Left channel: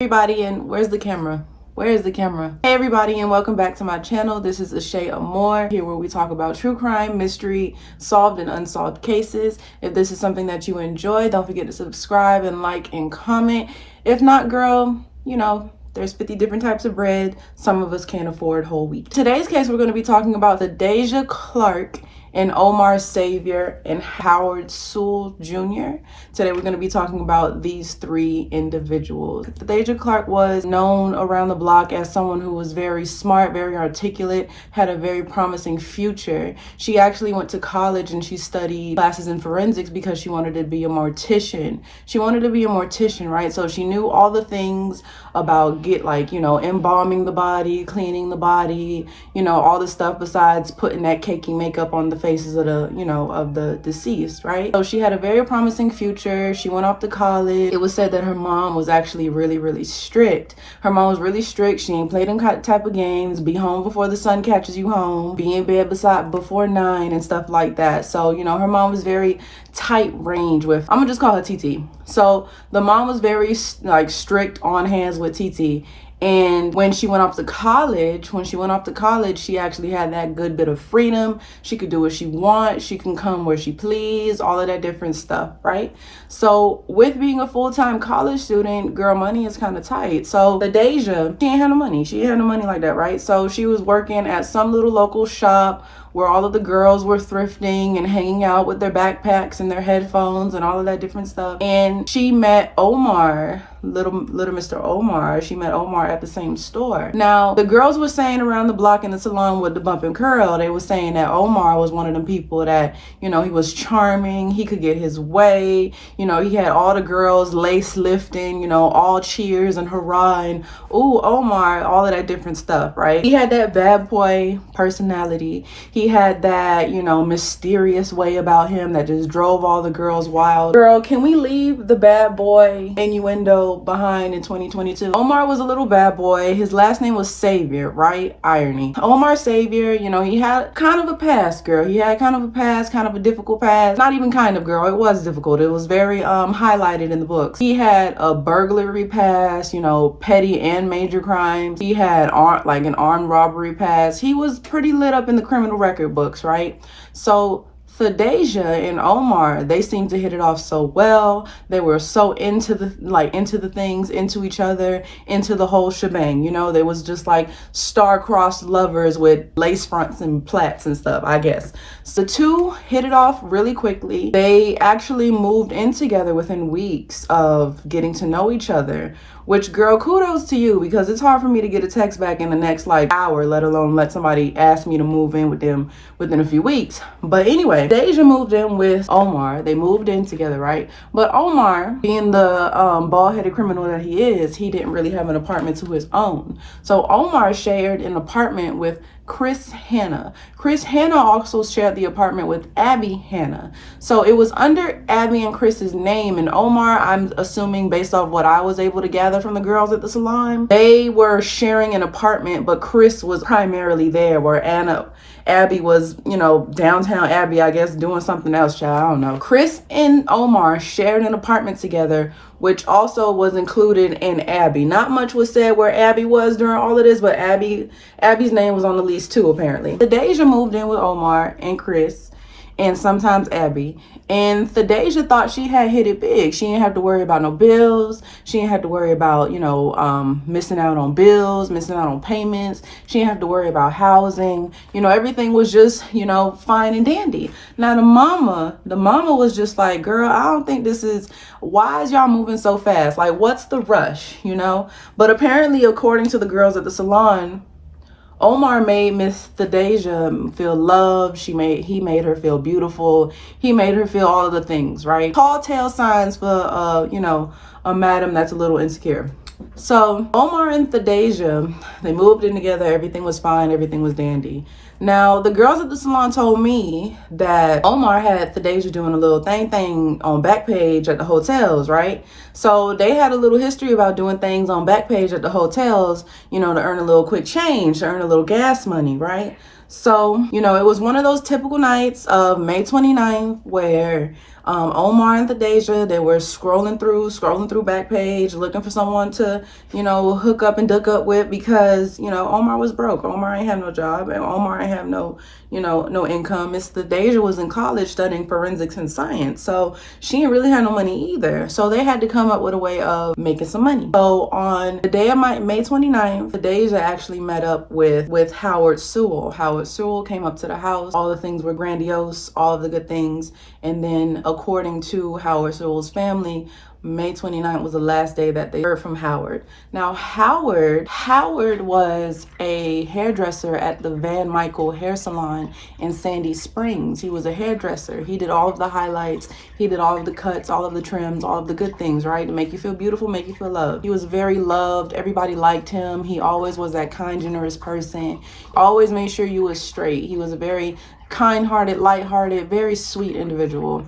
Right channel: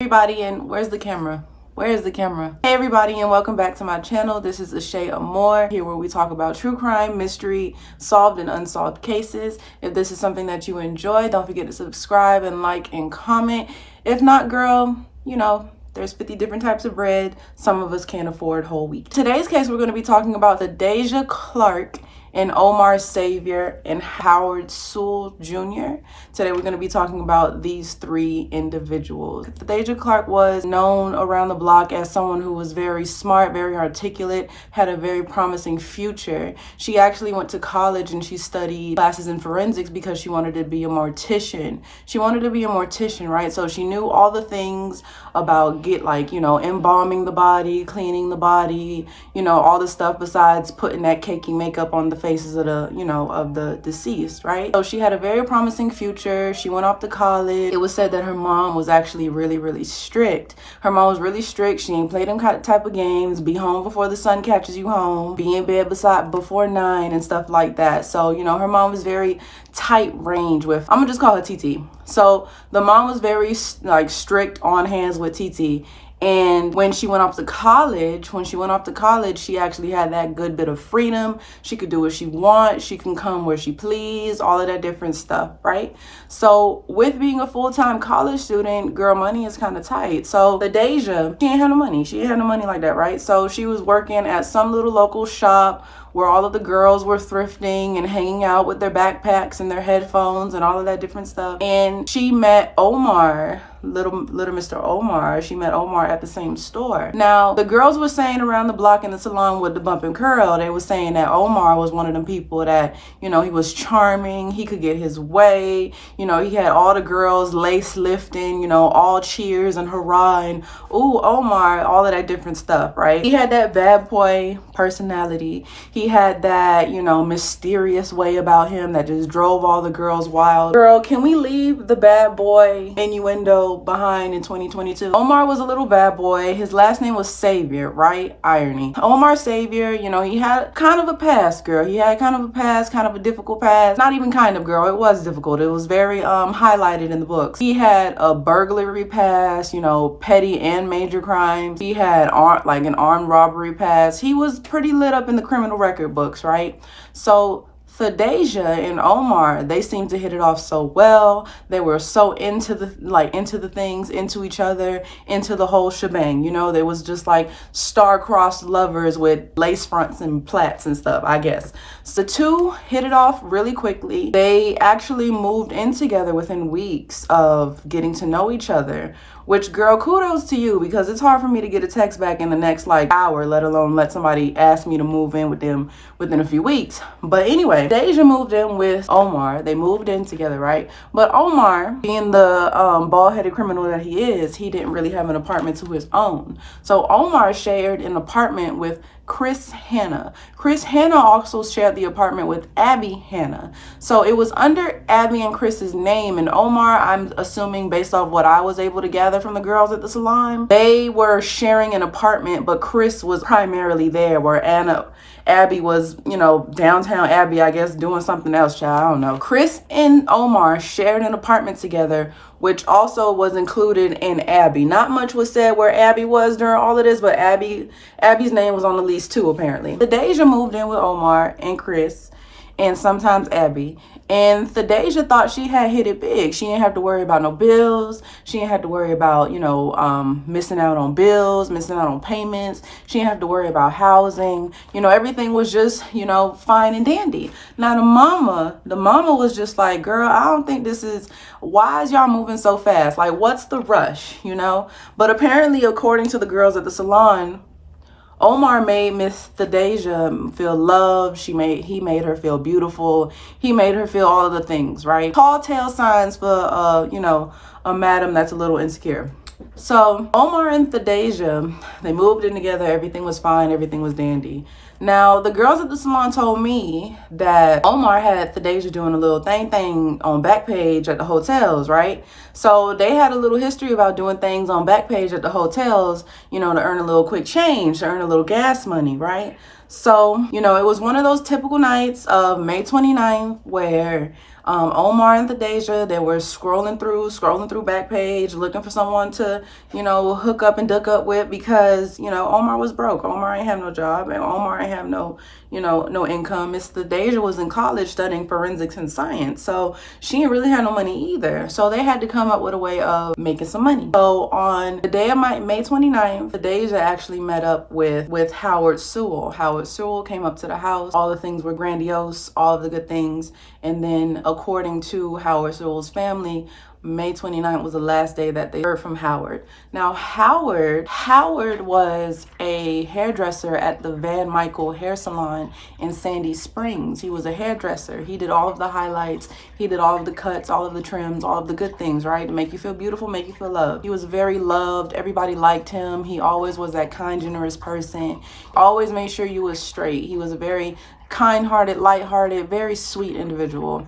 Everybody, and where's the camera? Where's the camera? Hey everybody, and welcome back to my channel. This is Ashea Amour, here where we talk about true crime, mystery, solved and unsolved cases. If this is something that you enjoy, don't forget to subscribe and like and comment. If not, girl, you know, there's 50 different types of bread. Some of us can't afford whole wheat. Today's case, we're going to be talking about Thadeshia Clark and Amour Xavier and Howard Sewell Jr. Today we're going to be talking about these three individuals. Thadeshia Clark was known around the block as someone who was very smart, very articulate, had a very promising future. She actually went to college and she studied classes in forensics because she wanted to be a mortician. She wanted to be a mortician, right? So she knew all the things about embalming the body, cleaning the body, all the stuff besides putting that cakey makeup on the faces of the deceased, right? So she had a very promising future. She went off to college. It was said that her mom was actually really, really strict. Her mom was really strict. She ain't play them type of games, be home before the sun catches you home, be in bed before 9 and stuff like that. So, her mom was very tight range with, I'm gonna just call her TT. So the mom was very strict on hands with TT. And when she went off to college, she actually had that good bit of freedom. She could do what she wants. She can come where she please, all of that different stuff, right? So with being a full-time college student, girl, money is kind of tight. So Thadeshia, she ain't had no money. She ain't had no money like that, right? So she was working at some little local shop where all of the girls were thrifting and hanging out with their backpacks and their headphones and all of that different stuff. And she met Amour, little Mr. Amour. She met Amour at the same store. Now, the girls were saying around the block in the salon with the bump and curl, they were saying that Amour was one of them people that, he was charming, he could get his way, he had all the girls lace lifting, all cheers and hurrah and ooh, Amour, all of that different stuff, right? He had that bad boy personality. He had that, mysterious way about him that just drove all the girls wild. Girl, can we leave the bad boy innuendo behind in 2022? Amour was a little bad boy. His last name was Xavier, right? Irony. Amour Xavier, he had kind of a past, girl. He had kind of a past, kind of a difficult past. Not even kind of, girl. It was difficult. It was very highlighted in the books. He had a burglary past, petty and major crimes. He had an armed robbery past. He was pretty lit up in the criminal record books, right? So Thadeshia and Amour, they seemed to hit it off so well. They were so into each other, into the whole shebang. They was just like star-crossed lovers with lace fronts and plaits and stuff, I guess. So the two hit it off really quickly. They actually moved in together within weeks of getting to know each other, which, girl, kudos to you, because it's hard for me to get a text back in the next hour, let alone let somebody ask me to move in with them within a few weeks. But anyway, Thadeshia moved in with Amour. They moved in together, right? But Amour, being the bald-headed criminal that he is, he didn't really have an apartment to his own. So Amour shared an apartment with Chris Hanna. Chris Hanna also shared the apartment with Abby Hanna. So it was under Abby and Chris's name, and Amour, I'm assuming based off what I was able to gather from the girls at the salon, they were sharing an apartment, but Chris was primarily there, where Abby was, downtown Abby, I guess, doing something else, child, I don't know. Chris and Amour shared an apartment together, which also was included in Abby. Not much was said where Abby was during all of this, but Abby's name was on the lease too, apparently. Thadeshia moved in with Amour and Chris, and sometimes Abby. And Thadeshia thought she had hit it big. She didn't have to worry about no bills. She didn't have to worry about, missing out on bills, missing out on payments. She didn't have to worry about housing. Everything was just, fine and dandy. Now the mama was just like, girl, I don't think why is y'all moving so fast? Like, what's the rush, But apparently, according to the girls at the salon, Amour made Miss Thadeshia feel loved. He made her feel beautiful. He made her feel all of the things, right? Tall tale signs for, a madam that's a little insecure. So Amour and Thadeshia, they moved in together. Everything was fine. Everything was dandy. Now, the girls at the salon told me that Amour had Thadeshia doing a little thing on Backpage at the hotels, right? So they had a little history about doing things on Backpage at the hotels, to earn a little quick change, to earn a little gas money, right? So, it was one of those typical nights of May 29th where Amour and Thadeshia, they were scrolling through Backpage, looking for someone to, you know, hook up and duck up with, because, you know, Amour was broke. Amour ain't have no job, and Amour ain't have no, you know, no income. Miss Thadeshia was in college studying forensics and science, so she didn't really have no money either. So they had to come up with a way of making some money. So on the day of May 29th, Thadeshia actually met up with Howard Sewell. Howard Sewell came up to the house. All the things were grandiose, all of the good things. And then according to Howard Sewell's family, May 29th was the last day that they heard from Howard. Now, Howard was a hairdresser at the Van Michael hair salon in Sandy Springs. He was a hairdresser. He did all of the highlights. He did all of the cuts, all of the trims, all of the good things, right? To make you feel beautiful, make you feel loved. He was very loved. Everybody liked him. He always was that kind, generous person. Always made sure you was straight. He was a very kind-hearted, light-hearted, very sweet individual.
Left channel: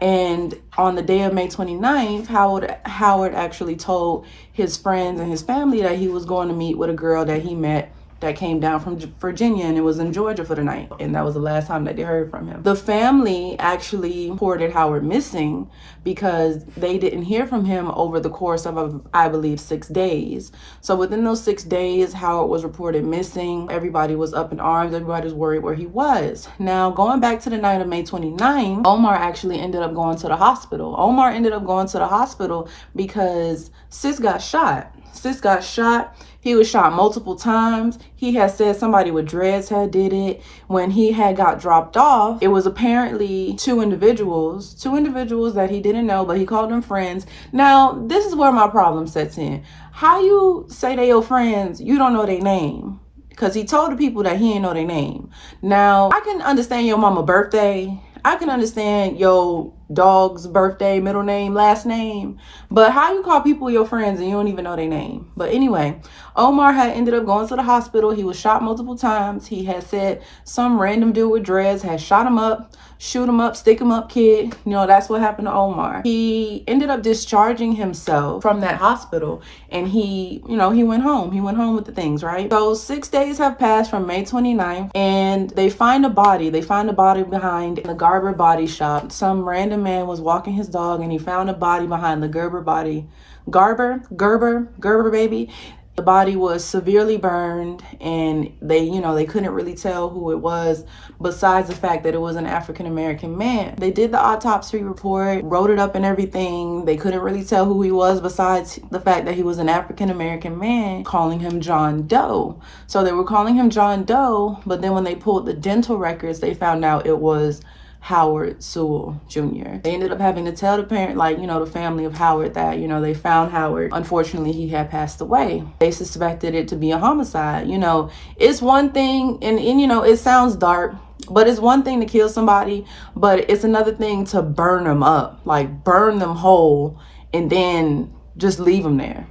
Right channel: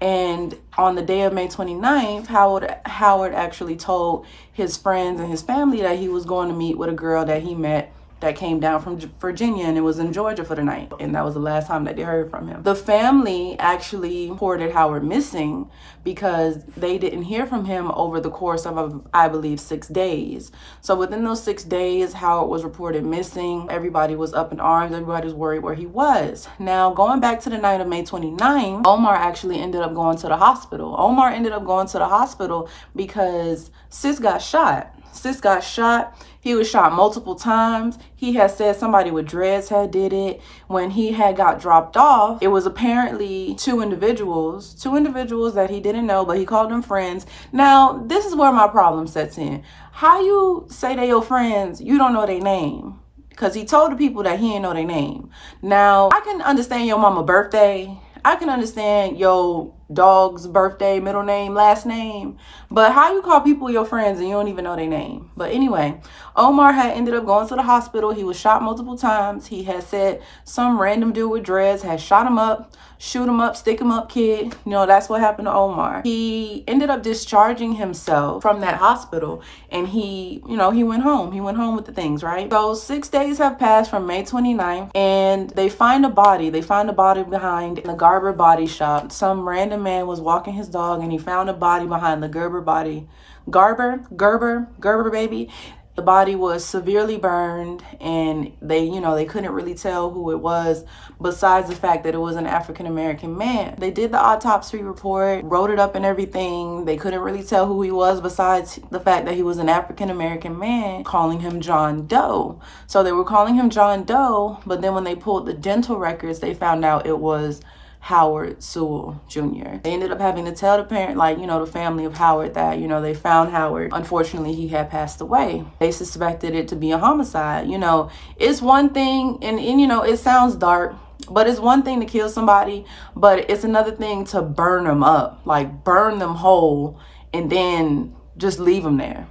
And on the day of May 29th, Howard actually told his friends and his family that he was going to meet with a girl that he met that came down from Virginia and it was in Georgia for the night. And that was the last time that they heard from him. The family actually reported Howard missing because they didn't hear from him over the course of, I believe, 6 days. So within those 6 days, Howard was reported missing. Everybody was up in arms. Everybody was worried where he was. Now, going back to the night of May 29th, Amour actually ended up going to the hospital. Amour ended up going to the hospital because Sis got shot. Sis got shot. He was shot multiple times. He had said somebody with dreads had did it. When he had got dropped off, it was apparently two individuals that he didn't know, but he called them friends. Now, this is where my problem sets in. How you say they your friends, you don't know their name? Because he told the people that he didn't know their name. Now, I can understand your mama's birthday. I can understand your dog's birthday, middle name, last name. But how you call people your friends and you don't even know their name? But anyway, Amour had ended up going to the hospital. He was shot multiple times. He had said some random dude with dreads had shot him up, shoot him up, stick him up, kid. You know, that's what happened to Amour. He ended up discharging himself from that hospital and he, you know, he went home. He went home with the things, right? So 6 days have passed from May 29th and they find a body. They find a body behind the Garber body shop. Some random man was walking his dog and he found a body behind the Gerber baby. The body was severely burned and they couldn't really tell who it was besides the fact that it was an African-American man. They did the autopsy report, wrote it up and everything. They couldn't really tell who he was besides the fact that he was an African-American man, calling him John Doe. So they were calling him John Doe, but then when they pulled the dental records, they found out it was Howard Sewell Jr. They ended up having to tell the parent, the family of Howard that, they found Howard. Unfortunately, he had passed away. They suspected it to be a homicide. It's one thing, and it sounds dark, but it's one thing to kill somebody, but it's another thing to burn them up, like burn them whole and then just leave them there.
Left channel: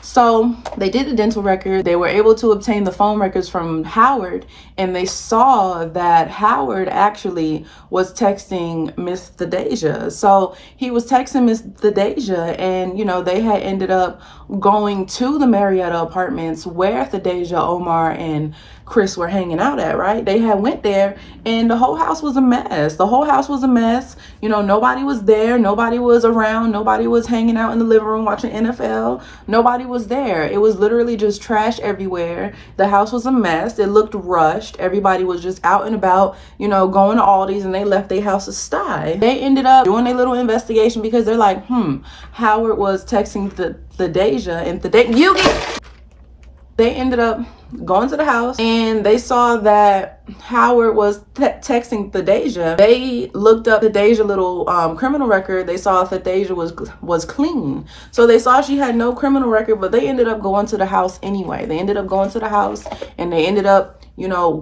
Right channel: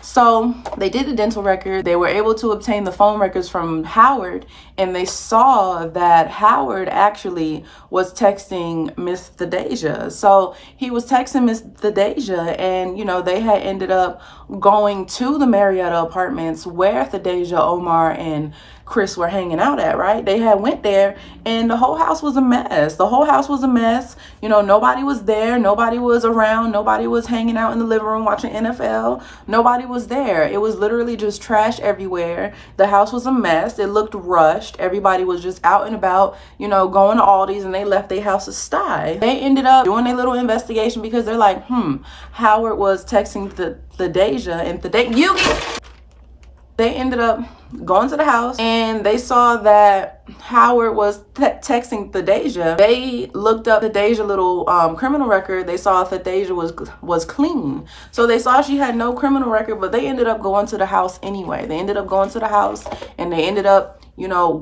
So they did the dental record. They were able to obtain the phone records from Howard, and they saw that Howard actually was texting Miss Thadeshia. So he was texting Miss Thadeshia, and they had ended up going to the Marietta Apartments where Thadeshia, Amour, and Chris were hanging out at, right? They had went there and the whole house was a mess. The whole house was a mess. Nobody was there. Nobody was around. Nobody was hanging out in the living room watching NFL. Nobody was there. It was literally just trash everywhere. The house was a mess. It looked rushed. Everybody was just out and about, going to Aldi's, and they left their house a sty. They ended up doing a little investigation because they're like, Howard was texting Thadeshia and Yugi. They ended up going to the house and they saw that Howard was texting Thadeshia. They looked up Thadeshia's little criminal record. They saw Thadeshia was clean. So they saw she had no criminal record, but they ended up going to the house anyway. They ended up going to the house and they ended up,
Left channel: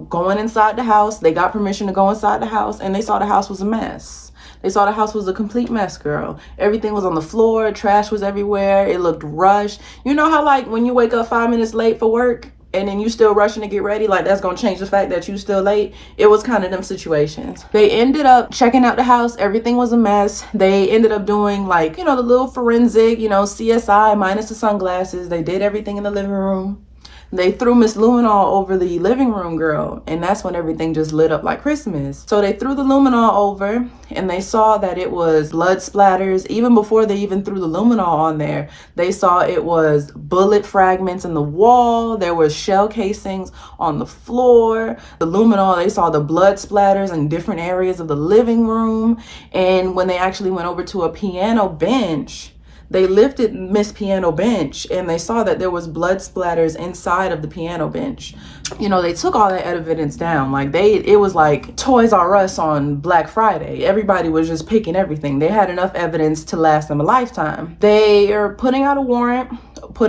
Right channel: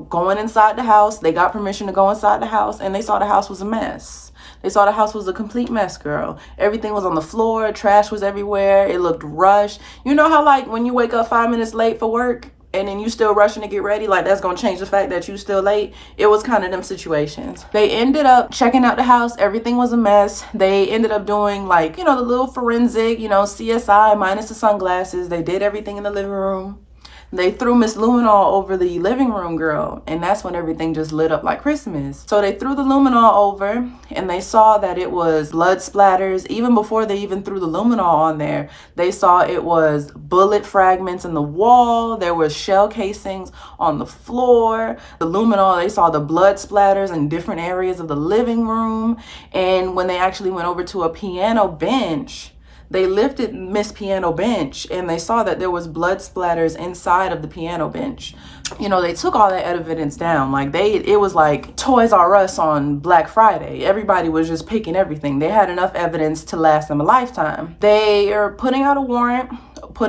going inside the house. They got permission to go inside the house and they saw the house was a mess. They saw the house was a complete mess, girl. Everything was on the floor. Trash was everywhere. It looked rushed. You know how when you wake up 5 minutes late for work and then you still rushing to get ready, that's going to change the fact that you still late? It was kind of them situations. They ended up checking out the house. Everything was a mess. They ended up doing the little forensic, CSI minus the sunglasses. They did everything in the living room. They threw Miss Luminol over the living room, girl, and that's when everything just lit up like Christmas. So they threw the luminol over, and they saw that it was blood splatters. Even before they even threw the luminol on there, they saw it was bullet fragments in the wall. There was shell casings on the floor. The luminol, they saw the blood splatters in different areas of the living room. And when they actually went over to a piano bench, they lifted Miss Piano Bench, and they saw that there was blood splatters inside of the piano bench. You know, they took all that evidence down. Like, it was like Toys R Us on Black Friday. Everybody was just picking everything. They had enough evidence to last them a lifetime. They are putting out a warrant for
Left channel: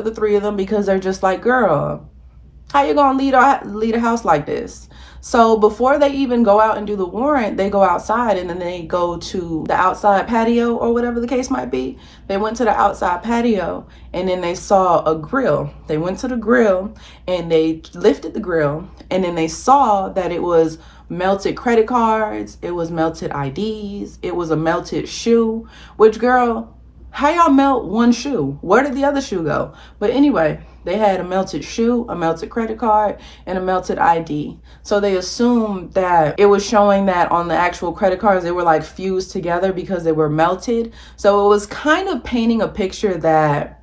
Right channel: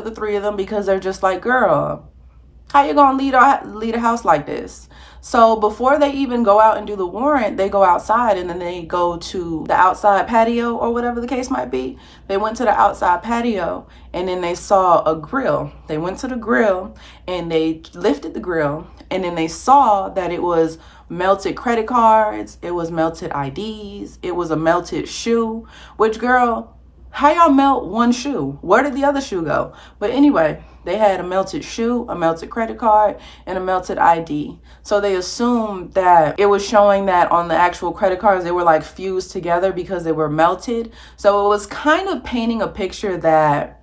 the three of them, because they're just like, girl, how you gonna lead a house like this? So before they even go out and do the warrant, they go outside, and then they go to the outside patio, or whatever the case might be. They went to the outside patio, and then they saw a grill. They went to the grill, and they lifted the grill, and then they saw that it was melted credit cards, it was melted IDs, it was a melted shoe. Which, girl, how y'all melt one shoe? Where did the other shoe go? But anyway, they had a melted shoe, a melted credit card, and a melted ID. So they assumed that it was showing that on the actual credit cards, they were like fused together because they were melted. So it was kind of painting a picture that,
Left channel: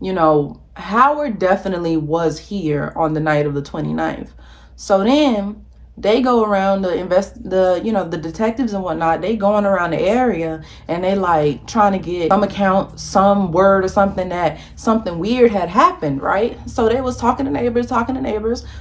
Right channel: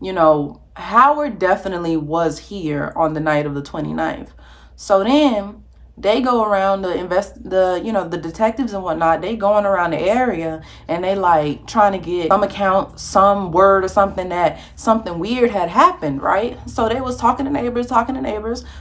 you know, Howard definitely was here on the night of the 29th. So then they go around the detectives and whatnot, they going around the area, and they like trying to get some account, some word or something that something weird had happened, right? So they was talking to neighbors.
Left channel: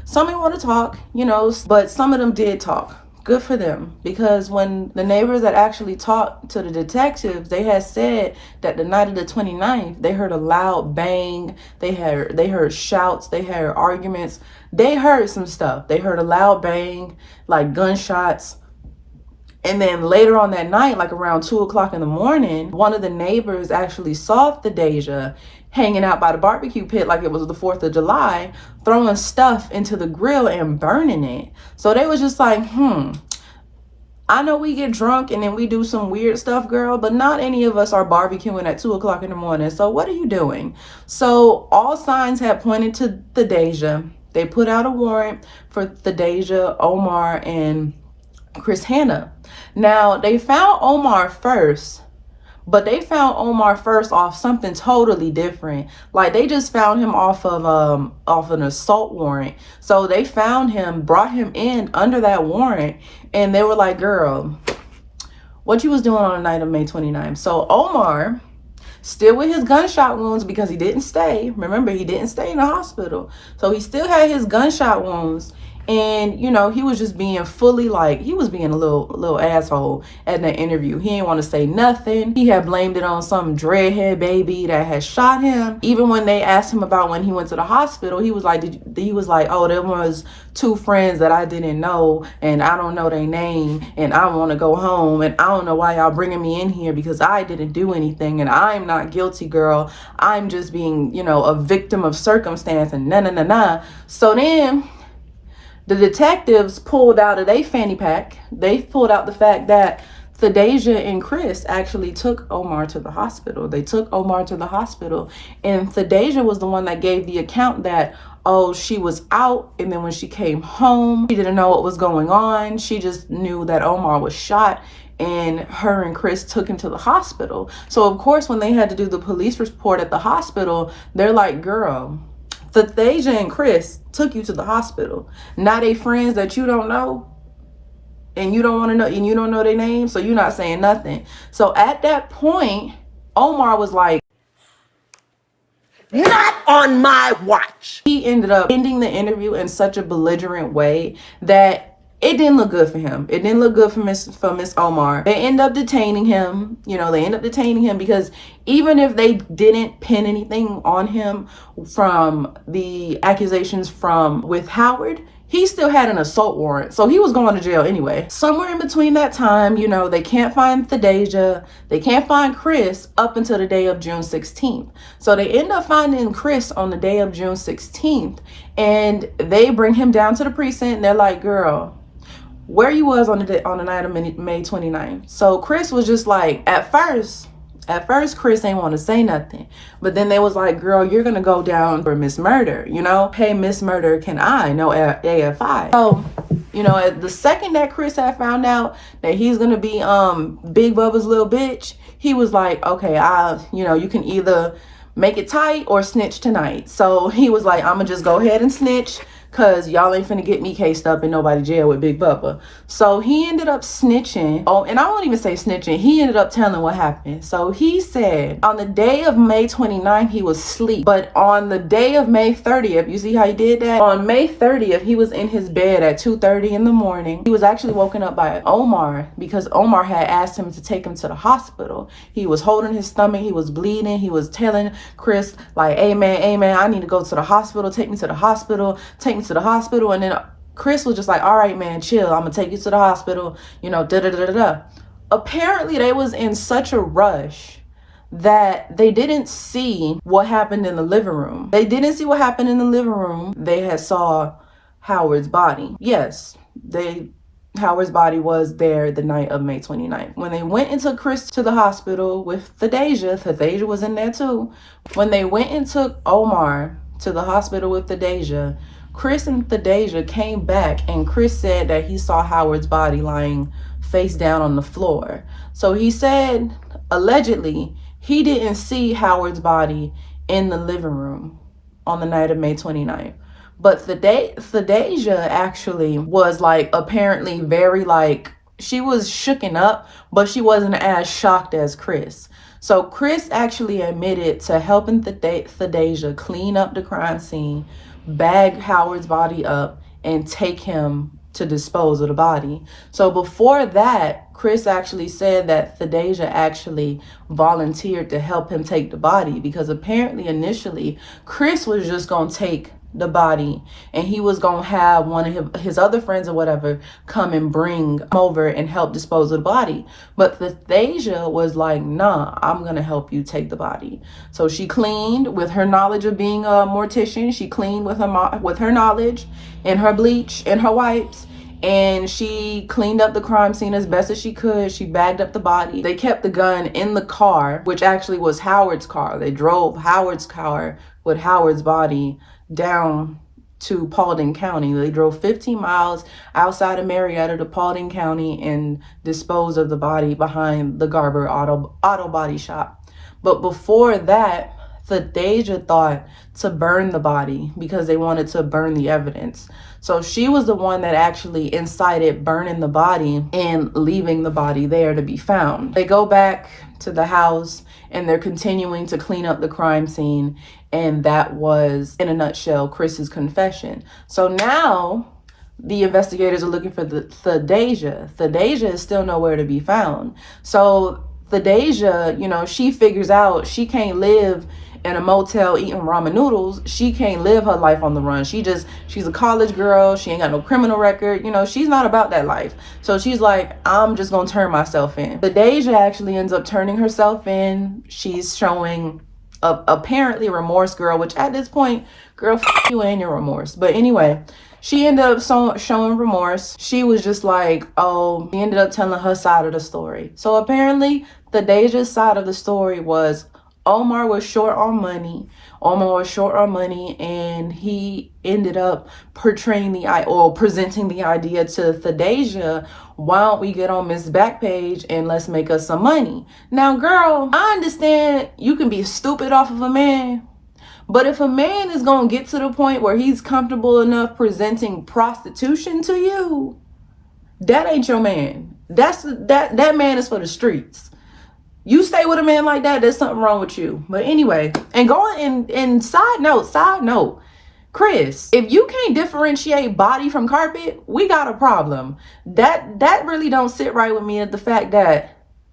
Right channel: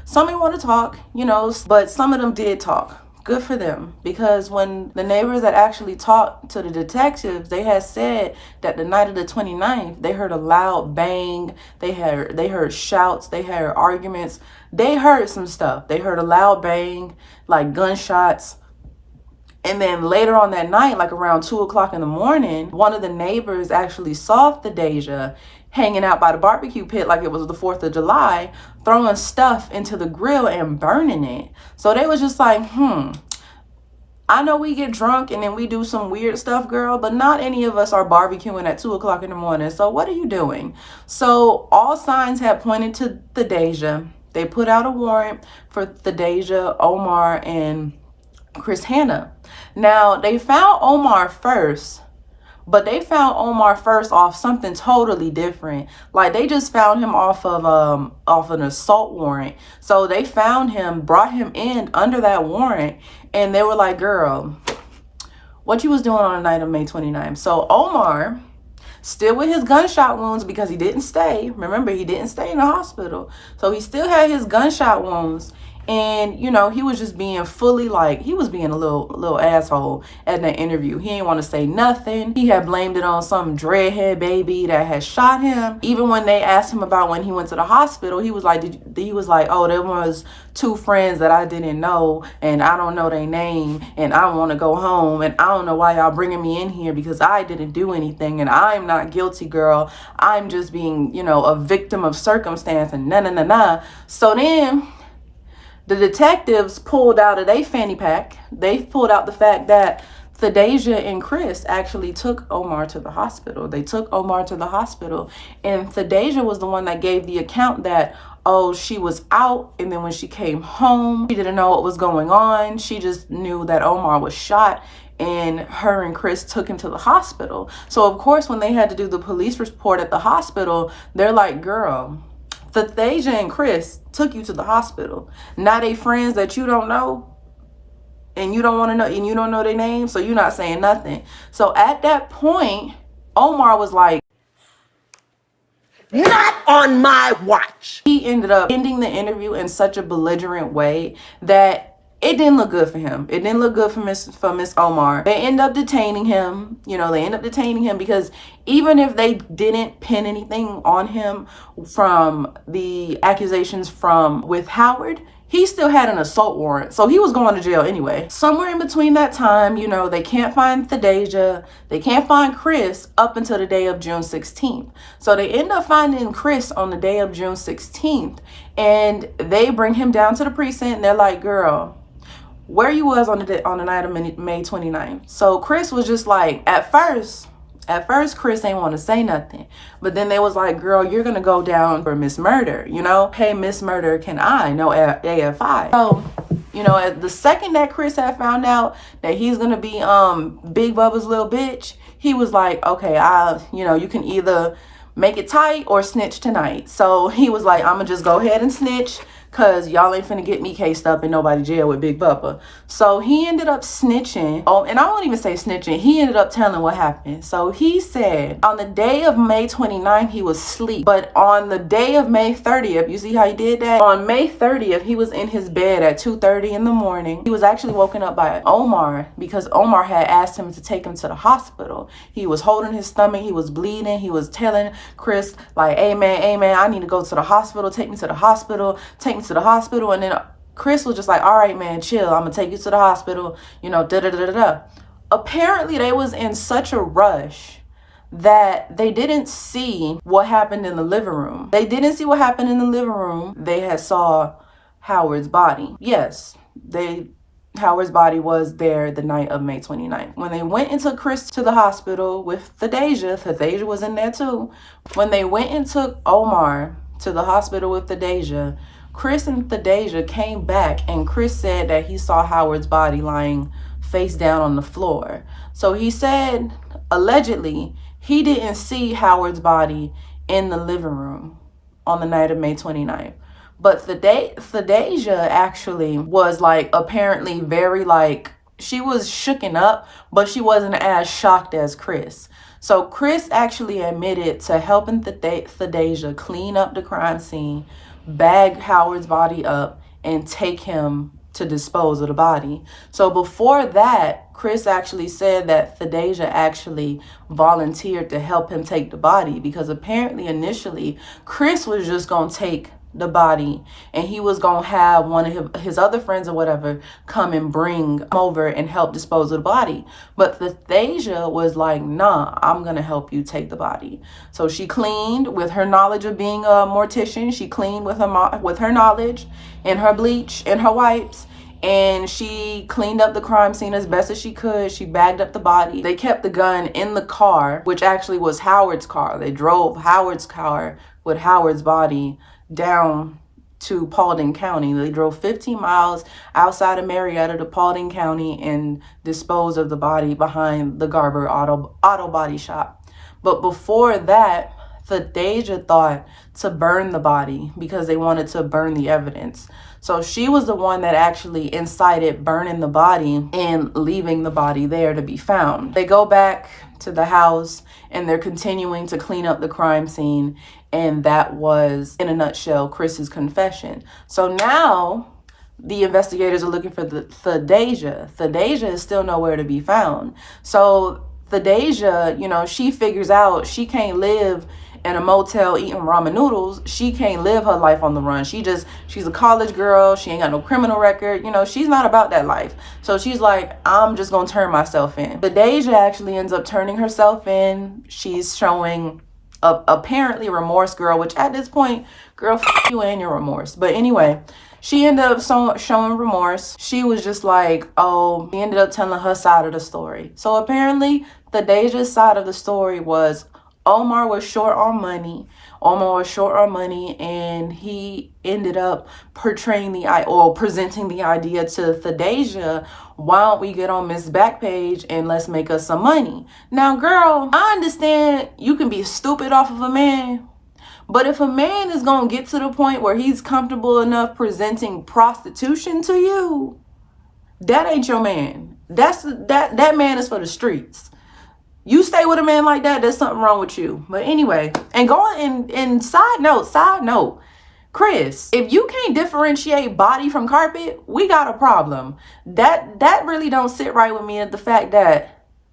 Some didn't want to talk, you know, but some of them did talk. Good for them, because when the neighbors that actually talked to the detectives, they had said that the night of the 29th, they heard a loud bang, they heard shouts, they heard arguments. They heard some stuff. They heard a loud bang, like gunshots. And then later on that night, like around 2 o'clock in the morning, one of the neighbors actually saw Thadeshia hanging out by the barbecue pit like it was the 4th of July, throwing stuff into the grill and burning it. So they was just like, I know we get drunk and then we do some weird stuff, girl, but not any of us are barbecuing at 2 o'clock in the morning. So what are you doing? So all signs had pointed to Thadeshia. They put out a warrant for Thadeshia, Omar, and Chris Hanna. Now, they found Omar first, but they found Omar first off something totally different. Like, they just found him off of an assault warrant. So they found him, brought him in under that warrant, and they were like, girl, what you was doing on the night of May 29th? So Omar, still with his gunshot wounds, because he didn't stay. Remember, he didn't stay in the hospital. So he still had his gunshot wounds. And, you know, he was just being fully like, he was being a little asshole at that interview. He didn't want to say nothing. He had blamed it on some dreadhead baby that had shot him. Even when they asked him about when he went to the hospital, he was like, oh, there was 2 friends that I didn't know, and I don't know their name, and I want to go home, and I don't know why y'all bringing me in here, because I didn't do anything, and I'm not guilty, girl. I'm just being, you know, a victim of circumstance, and nah. So then the detectives pulled out of their fanny pack. They pulled out the fact that Thadeshia and Chris actually took Omar to the hospital. They took Omar to the hospital, and Thadeshia was the one that gave the account that, oh, she was out, and then when she came home, she didn't know what was going on. She just knew that Omar was shot, and her and Chris took him to the hospital. So of course, when they had to do the police report at the hospital, they're like, girl, Thadeshia and Chris took you to the hospital. Now they friends that you don't know, and you don't want to know, and you don't know their names, so you're not saying nothing. So at that point, Omar was like, not on my watch. He ended up ending the interview in such a belligerent way that it didn't look good for him. It didn't look good for Miss Omar. They end up detaining him. You know, they end up detaining him because even if they didn't pin anything on him from the accusations with Howard, he still had an assault warrant. So he was going to jail anyway. Somewhere in between that time, you know, they can't find Thadeshia. They can't find Chris up until the day of June 16th. So they end up finding Chris on the day of June 16th. And they bring him down to the precinct. And they're like, girl, where you was on the night of May 29th. So Chris was just like, at first, At first, Chris ain't want to say nothing. But then they was like, girl, you're going to go down for Miss Murder, you know? Hey, Miss Murder, can I? No AFI. So, you know, the second that Chris had found out that he's going to be Big Bubba's little bitch, he was like, okay, you know, you can either make it tight or snitch tonight. So he was like, I'm going to just go ahead and snitch, because y'all ain't finna get me cased up in nobody jail with Big Bubba. So he ended up snitching. Oh, and I won't even say snitching. He ended up telling what happened. So he said on the day of May 29th, he was asleep. But on the day of May 30th, you see how he did that? On May 30th, he was in his bed at 2:30 in the morning. He was actually woken up by Omar because Omar had asked him to take him to the hospital. He was holding his stomach. He was bleeding. He was telling Chris like, hey man, I need to go to the hospital. Take me to the hospital. Take me to the hospital. And then Chris was just like, all right, man, chill. I'm gonna take you to the hospital, you know, da-da-da-da-da. Apparently, they was in such a rush that they didn't see what happened in the living room. They didn't see what happened in the living room. They had saw Howard's body. Yes, Howard's body was there the night of May 29th. When they went and took Chris to the hospital with Thadeshia was in there too. When they went and took Omar to the hospital with Thadeshia, Chris and Thadeshia came back and Chris said that he saw Howard's body lying face down on the floor. So he said, allegedly, he didn't see Howard's body in the living room on the night of May 29th. But Thadeshia actually was like apparently very like, she was shooken up, but she wasn't as shocked as Chris. So Chris actually admitted to helping Thadeshia clean up the crime scene, bag Howard's body up, and take him to dispose of the body. So before that, Chris actually said that Thadeshia actually volunteered to help him take the body, because apparently initially Chris was just gonna take the body and he was gonna have one of his other friends or whatever come and bring him over and help dispose of the body. But Thadeshia was like, nah, I'm gonna help you take the body. So she cleaned with her knowledge of being a mortician. She cleaned with her knowledge and her bleach and her wipes, and she cleaned up the crime scene as best as she could. She bagged up the body. They kept the gun in the car, which actually was Howard's car. They drove Howard's car with Howard's body down to Paulding County. They drove 15 miles outside of Marietta to Paulding County and disposed of the body behind the Garber auto body shop. But before that, Thadeshia thought to burn the body because they wanted to burn the evidence. So she was the one that actually incited burning the body and leaving the body there to be found. They go back to the house and they're continuing to clean up the crime scene. And that was, in a nutshell, Chris's confession. So now the investigators are looking for Thadeshia. Thadeshia is still nowhere to be found. So Thadeshia, you know, she figures out she can't live in a motel eating ramen noodles. She can't live her life on the run. She's a college girl. She ain't got no criminal record. You know, she's not about that life. So she's like, I'm just gonna turn myself in. Thadeshia actually ends up turning herself in. She's showing apparently remorse, girl, which at this point, girl, f you and your remorse. But anyway, she ended up showing remorse. She was just like, oh, she ended up telling her side of the story. So apparently Thadeshia's side of the story was Omar was short on money. And he ended up presenting the idea to Thadeshia, why don't we get on Miss Backpage and let's make us some money? Now, girl, I understand you can be stupid off of a man, but if a man is going to get to the point where he's comfortable enough presenting prostitution to you, that ain't your man. That man is for the streets. You stay with a man like that, there's something wrong with you. But anyway, and going and side note, Chris, if you can't differentiate body from carpet, we got a problem. That really don't sit right with me, at the fact that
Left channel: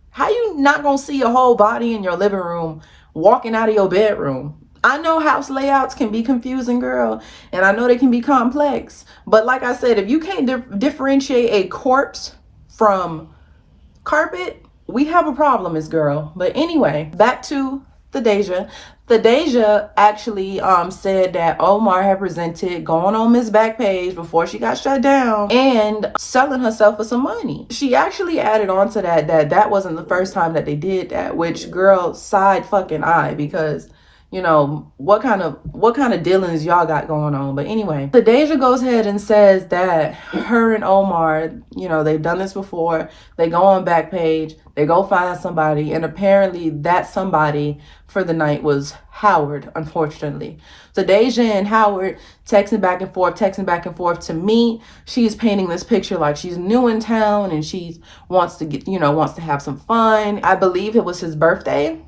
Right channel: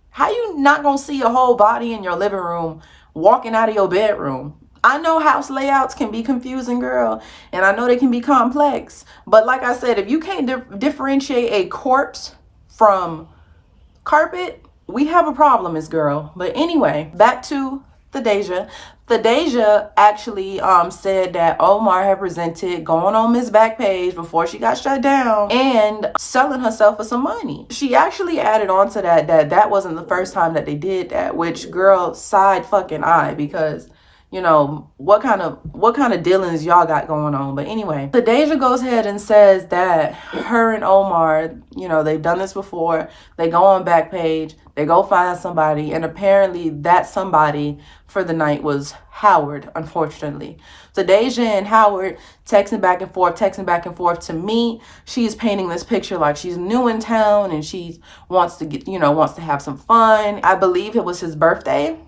how you not gonna see a whole body in your living room walking out of your bedroom? I know house layouts can be confusing, girl, and I know they can be complex. But like I said, if you can't differentiate a corpse from carpet, we have a problem, Miss Girl. But anyway, back to Thadeshia. Thadeshia actually said that Amour had presented going on Miss Backpage before she got shut down and selling herself for some money. She actually added on to that wasn't the first time that they did that, which, girl, side fucking eye, because you know, what kind of dealings y'all got going on. But anyway, Thadeshia goes ahead and says that her and Amour, you know, they've done this before. They go on Backpage, they go find somebody, and apparently that somebody for the night was Howard, unfortunately. Thadeshia and Howard texting back and forth. To me, she's painting this picture like she's new in town and she wants to get, wants to have some fun. I believe it was his birthday.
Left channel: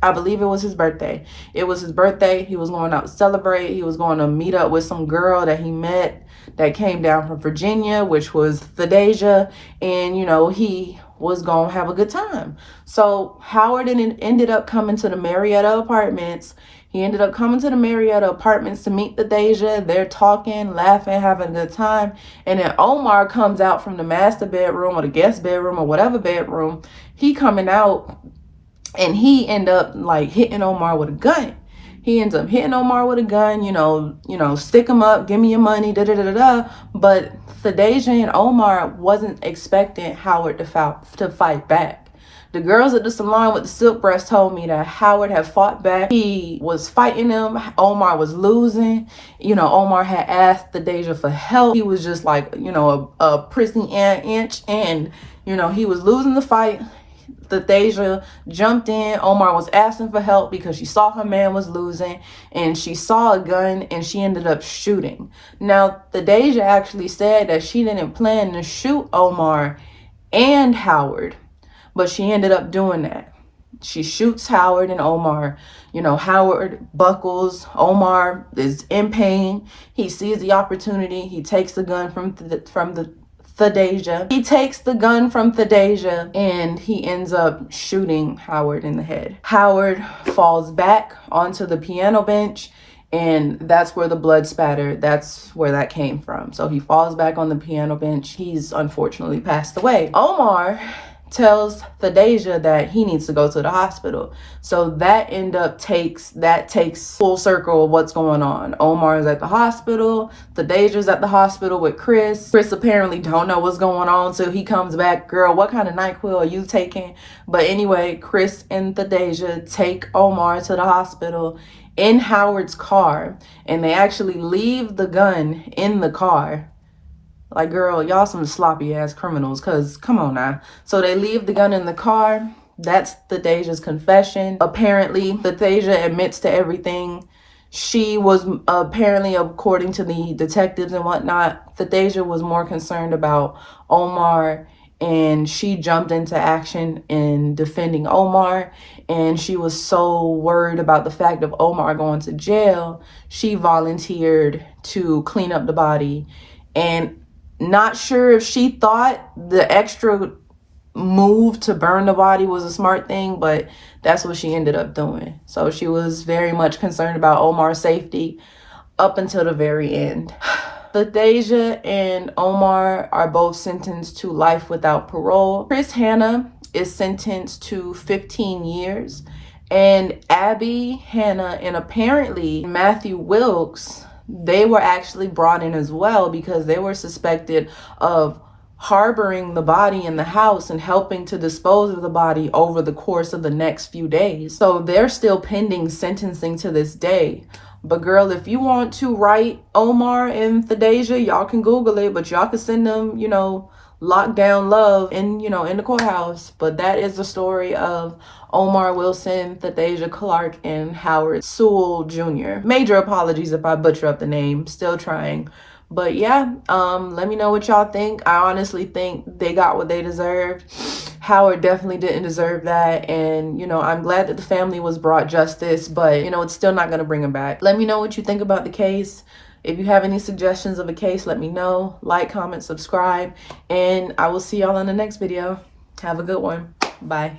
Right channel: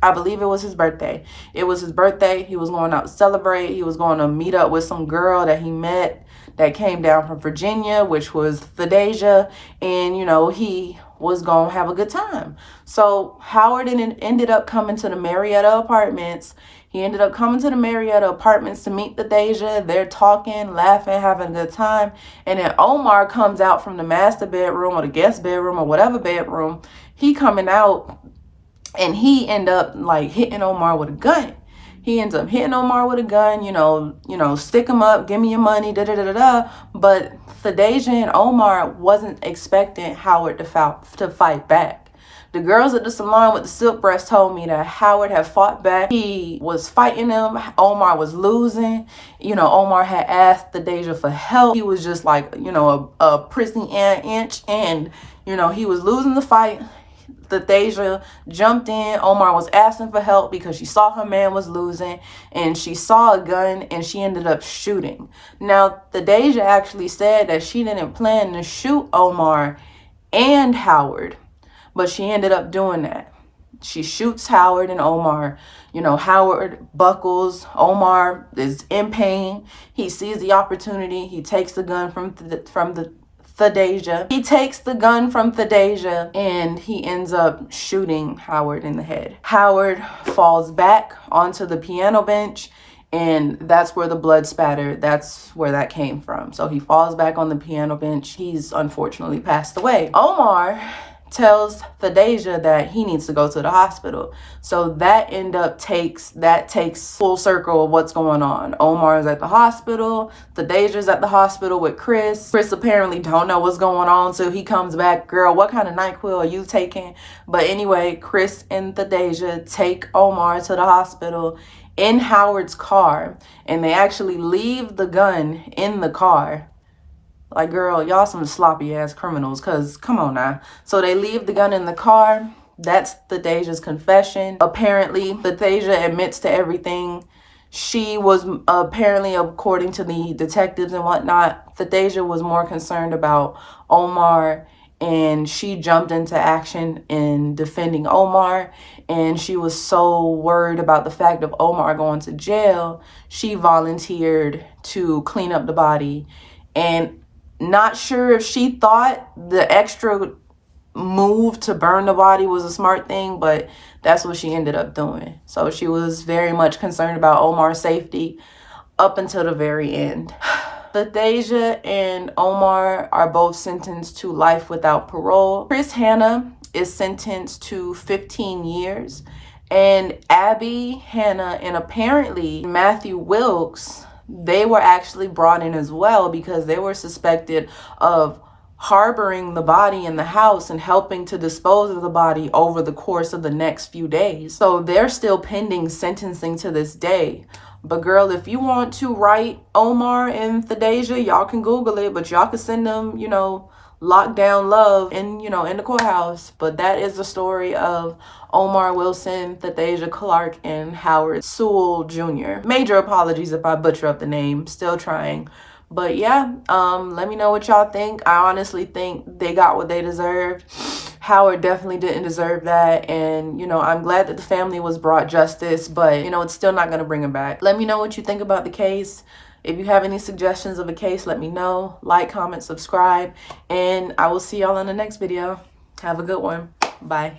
It was his birthday. He was going out to celebrate. He was going to meet up with some girl that he met that came down from Virginia, which was Thadeshia. And, he was going to have a good time. So Howard ended up coming to the Marietta Apartments. He ended up coming to the Marietta Apartments to meet Thadeshia. They're talking, laughing, having a good time. And then Amour comes out from the master bedroom or the guest bedroom or whatever bedroom. He coming out. And he ended up like hitting Amour with a gun. Stick him up, give me your money, da-da-da-da-da. But Thadeshia and Amour wasn't expecting Howard to fight back. The girls at the salon with the silk breast told me that Howard had fought back. He was fighting him. Amour was losing. Amour had asked Thadeshia for help. He was just like, a prissy inch. And, he was losing the fight. Thadeshia jumped in. Amour was asking for help because she saw her man was losing and she saw a gun and she ended up shooting. Now, Thadeshia actually said that she didn't plan to shoot Amour and Howard, but she ended up doing that. She shoots Howard and Amour. Howard buckles. Amour is in pain. He sees the opportunity. He takes the gun from Thadeshia. He takes the gun from Thadeshia and he ends up shooting Howard in the head. Howard falls back onto the piano bench and that's where the blood spatter, that's where that came from. So he falls back on the piano bench. He's unfortunately passed away. Amour tells Thadeshia that he needs to go to the hospital. So that takes full circle of what's going on. Amour is at the hospital. Thadeshia's at the hospital with Chris. Chris apparently don't know what's going on, so he comes back. Girl, what kind of NyQuil are you taking? But anyway, Chris and Thadeshia take Amour to the hospital in Howard's car, and they actually leave the gun in the car. Like, girl, y'all some sloppy ass criminals, because come on now. So they leave the gun in the car. That's Thadeshia's confession. Apparently, Thadeshia admits to everything. She was apparently, according to the detectives and whatnot, Thadeshia was more concerned about Amour, and she jumped into action in defending Amour. And she was so worried about the fact of Amour going to jail, she volunteered to clean up the body. And not sure if she thought the extra move to burn the body was a smart thing, but that's what she ended up doing. So she was very much concerned about Amour's safety up until the very end. Thadeshia and Amour are both sentenced to life without parole. Chris Hanna is sentenced to 15 years. And Abby, Hannah, and apparently Matthew Wilkes, they were actually brought in as well because they were suspected of harboring the body in the house and helping to dispose of the body over the course of the next few days. So they're still pending sentencing to this day. But girl, if you want to write Amour and Thadeshia, y'all can Google it, but y'all can send them, lockdown love in the courthouse. But that is the story of Amour Wilson, Thadeshia Clark, and Howard Sewell Jr. Major apologies if I butcher up the name. Still trying. But yeah, let me know what y'all think. I honestly think they got what they deserved. Howard definitely didn't deserve that. And, I'm glad that the family was brought justice, but, it's still not going to bring him back. Let me know what you think about the case. If you have any suggestions of a case, let me know. Like, comment, subscribe, and I will see y'all in the next video. Have a good one. Bye.